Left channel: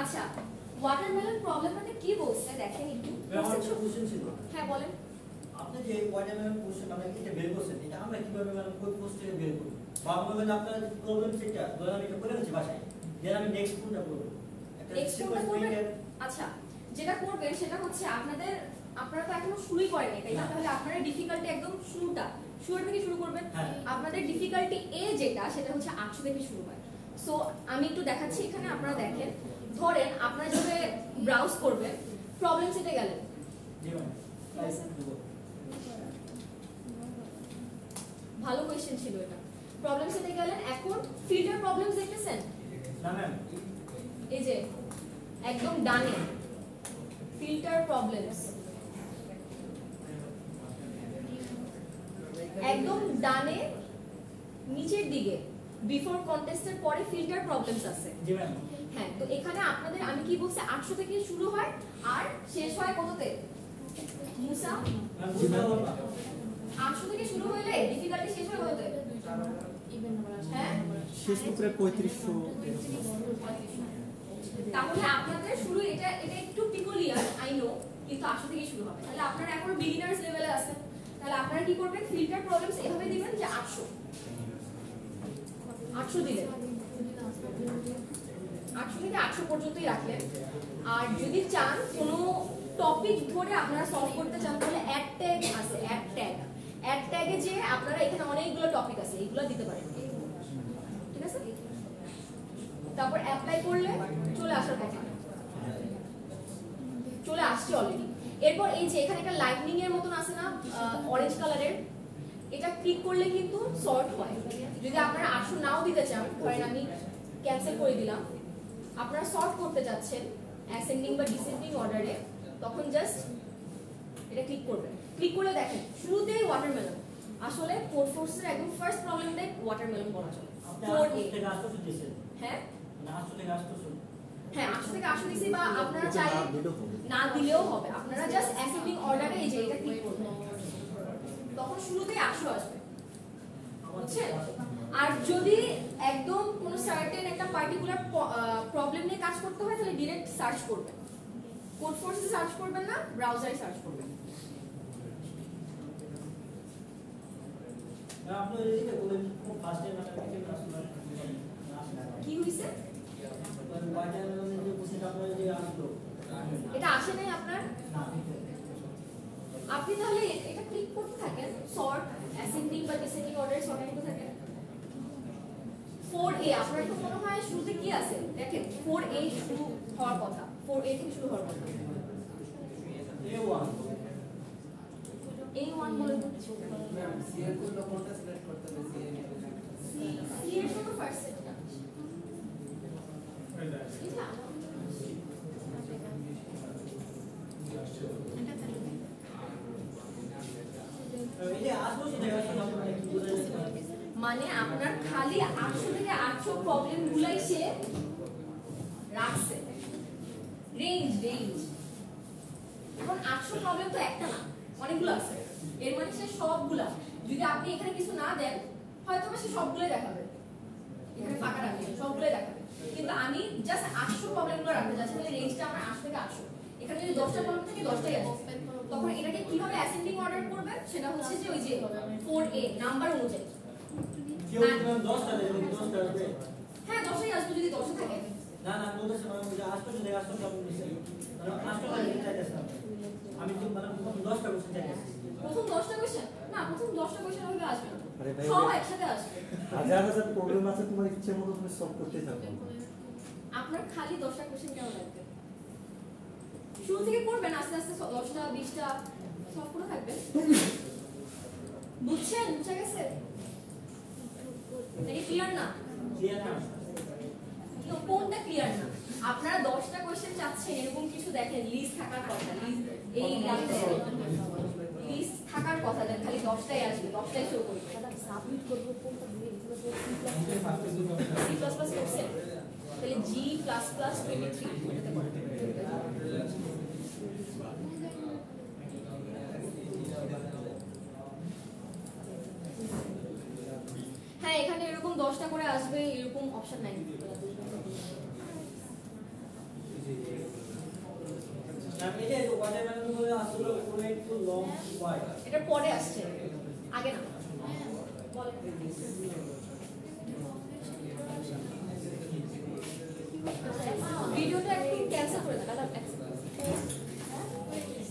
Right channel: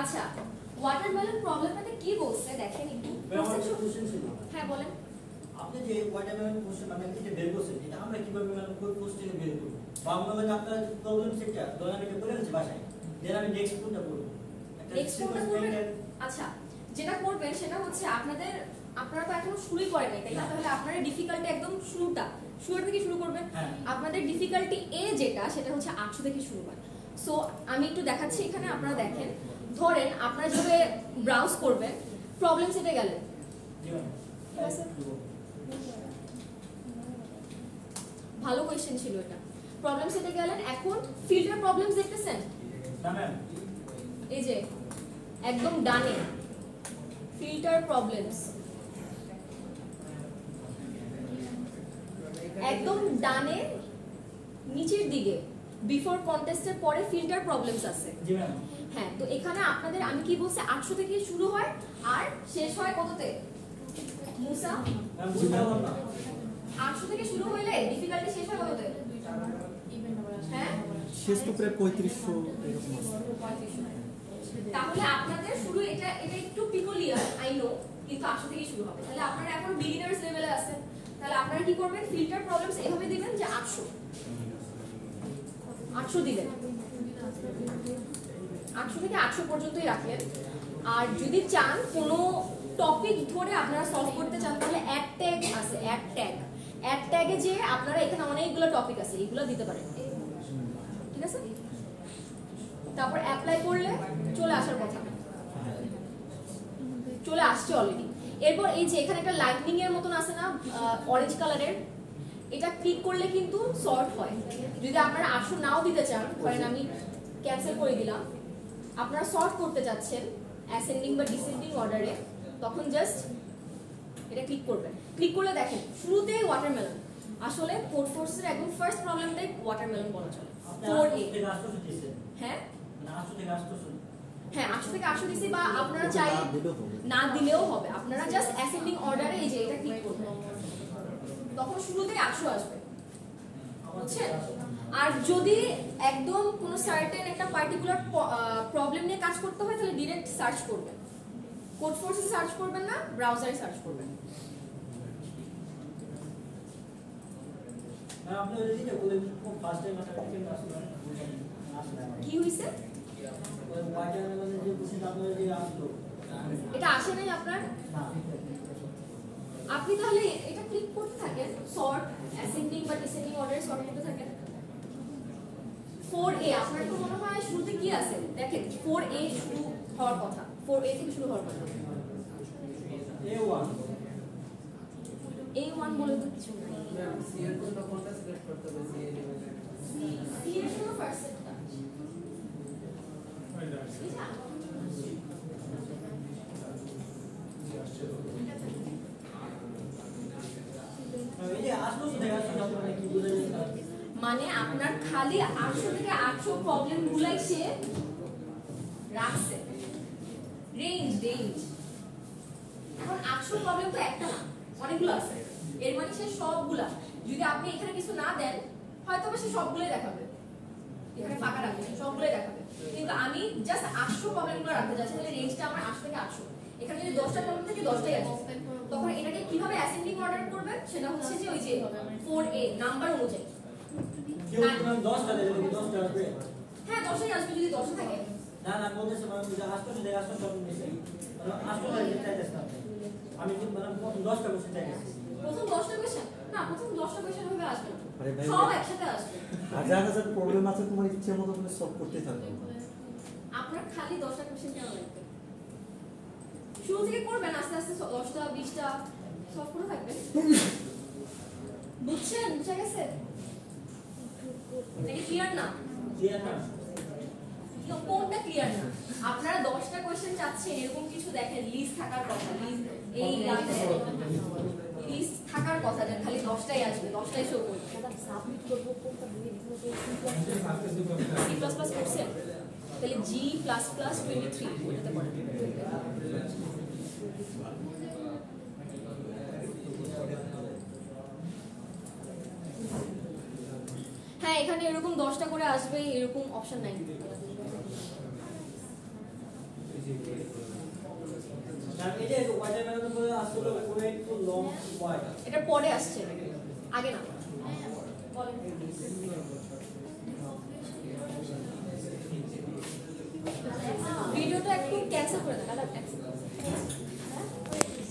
আচ্ছা ওয়াটারমেলন প্রবলেমটাতে কি বলছে দেখেন একটু। কোশ্চেন ছিল। হ্যাঁ বলেন। আপনি যে ওয়াটারমেলন কোশ্চেন মানে এটা বের করছেন এটা আমরা কিভাবে মানে কোন কোশ্চেনে বের করব? বাংলা মানে আপনার প্রবলেম সেটা ধরেন আমি এটা করে ফেলছি বাসায়। দেন আমি নেক্সট কোনটা করব? নেক্সট কোনটা করবেন? আচ্ছা যেটা করবেন সেটা হচ্ছে আপনারা তো এখনো শুরুই করেনি তাই না? তাহলে আপনারা ডিফিকাল্টি একদম শুরু থেকে শুরু করবেন। আপনাদের ডিফিকাল্টি এ যেটা সেটা হচ্ছে 800 থেকে শুরু হয়। সো আমি একটু দেখাচ্ছি এখানে আপনারা দেখেন। ধরেন আপনারা যবে ব্রাউজ করবেন প্রবলেম সেটে গেলেন। ভালো কোশ্চেন ছিল এটা। প্রবলেম সেটে গেলেন, এখন ফিল্টার প্রবলেমস দেখতেছেন? না ম্যাম। এই যে একদম ডানে ফিল্টার প্রবলেমস, একদম ডানে নিচের দিকে বিফোর কন্টেস্টের পরে ফিল্টার প্রবলেমস আছে। জি ম্যাম। হ্যাঁ, তো এখানে আপনাদের আমি কি বলছি 800 থেকে শুরু হয় আর শেষ হয় কততে? মুসা ম্যাম বুঝতে পারলাম না। 800 থেকে শুরু হইলে ডিফিকাল্টি শেষ হয় কততে? হ্যাঁ শেষ তো প্রায় 3500 এরকম। তাহলে আপনাদের শুরু এটা একটু পিকুলিয়ার আই নো, কিন্তু 800 থেকে শুরু হবে। তাহলে আপনারা এখনো বিগিনার্স লেভেলে আছেন। তাহলে আপনারা কি করবেন? ফিল্টার প্রবলেমস এভাবে দিবেন যে 800 দিবেন, 800 থেকে 800 পর্যন্তই রাখলেন। আর যদি চান কোনো টপিক ধরে আপনারা সলভ করতে চান তাহলে অ্যাড ট্যাগ আছে, অ্যাড ট্যাগে যে আপনারা এখানে অনেকগুলো টপিক আছে এগুলো দিতে পারেন, ঠিক আছে? তারপর অ্যাপ্লাই করলে চলে আসার কথা, চলে আসছে অলরেডি। এরপর এই যে এখানে একটা লাইটনিং এর মতন আছে না অরেঞ্জ কালারের, এটা ক্লিক করলে কিন্তু সর্ট হয়। যদি আপনারা 800 নাও দিতে চান, ধরেন আমি ক্যান্সেল করে দিলাম, আপনারা সর্ট করতে যাচ্ছেন অ্যাসেন্ডিং বা ডিসেন্ডিং অর্ডারে, তখন জাস্ট এটা ক্লিক করবেন। ক্লিক করলে দেখেন শুরুতেই ওয়াটারমেলন, আসলে কোড ফোর্সের একদম ফার্স্ট প্রবলেমটাই ওয়াটারমেলন বলা চলে। 4A হ্যাঁ হ্যাঁ 800 থেকে 800 দিছি, বা আপনারা চাইলে না দিলেও হবে। আপনারা জাস্ট অ্যাসেন্ডিং অর্ডারে এই যে এটা ক্লিক করবেন, তখন শুরুতেই 800 আসবে, বুঝছেন? আর যদি একদম কোন সার্টেন একটা পার্টিকুলার প্রবলেম নিয়ে কাজ করতে হয় তাহলে ডাইরেক্ট সার্চ করবেন, কোড ফোর্সে সার্চ করবেন না, ব্রাউজারে সার্চ করবেন। আপনারা এটা বলেন ফার্স্ট টাইম কি হইছে? ওয়াটারমেলনের যে কোশ্চেন আপনারা যে আসলো এটা আসে নাই আপনার? না। আপনি তাহলে এটা ক্লিক করতে থাকেন, সর্ট অ্যাসেন্ডিং বা ডিসেন্ডিং অর্ডারে সর্ট করতে থাকেন। 4A আপনার তো মনে হয় শুরুতে কি আছে দেখেন, 4A শুরু হওয়ার কথা, 4A থেকে শুরু হওয়ার কথা। A1 বলে তো কিছু না। ম্যাম সি এর কোনটা সিলেক্ট করতে হবে? সি এর জন্য ফার্স্ট সেটটা এটা মানে আপনার খালি 800 থেকে 800 প্রবলেম গুলাই সে রাখছে, রেঞ্জ। এখন 800 প্রবলেম তো একটা না, অনেকগুলো আছে। এর মানে সে সবগুলা, যদি আপনি এখানে কিছু না দেন হয়তো সে সবগুলোই দেখাবে, এখানে ফাঁকা রাখবে সবগুলোই দেখাবে। কিন্তু আমি জাস্ট 800 প্রবলেমগুলো রাখতে চাচ্ছি, তাহলে রেঞ্জটা আমার 800 থেকে 800। এখানে যদি 10টা প্রবলেম থেকে 10টাই আসবে, তখন এটাকে কিভাবে অ্যাসেন্ডিং অর্ডার করবেন সেটা হচ্ছে যে ওই যে 4A নাম্বার অনুযায়ী। হ্যাঁ 10টাই আসবে যদি 10 থাকে। না না বলতেছে মানে যে আসলে দেখে আসলে সব মিশে আসলে চাইতেছে আমি তো মানে 10টা কোশ্চেন চাইতেছি। প্রথম 10টা কোশ্চেন না, প্রথম 10টা কোশ্চেন হইলে আসবে না, সব একসাথে আসবে। হাজার প্রবলেম আছে, তোমার ইচ্ছে মতো তুমি সলভ করতে থাকো। আপনার খালি 10টা কোশ্চেন কেন লাগবে? শুরু থেকে করবেন, আস্তে আস্তে 10টা 20টা সব করে থাকবেন। বুঝছেন? বুঝা গেছে? এটা ক্লিয়ার না? ক্লিয়ার না? কোনটা ক্লিয়ার না? আপনারা 10টা কোশ্চেন চাচ্ছেন, এরকম কিছু দেখেন লিস্ট থাকার কথা, লিস্ট থাকার কথা, দেন খালি 10টাই আসবে, 10টাই শো করবে। সাবমিট করব কোনটা দিয়ে C++ করছেন তাহলে G++23 এটাতে পড়ে। হ্যাঁ এখানে এরকম 10টা করে আসবে, এরকম অপশন নাই। এইটাই তো ওয়াটারমেলন বলে আসলে পুরো একটু লং ওয়াইড এটা পরে আসছে আগে না বলেন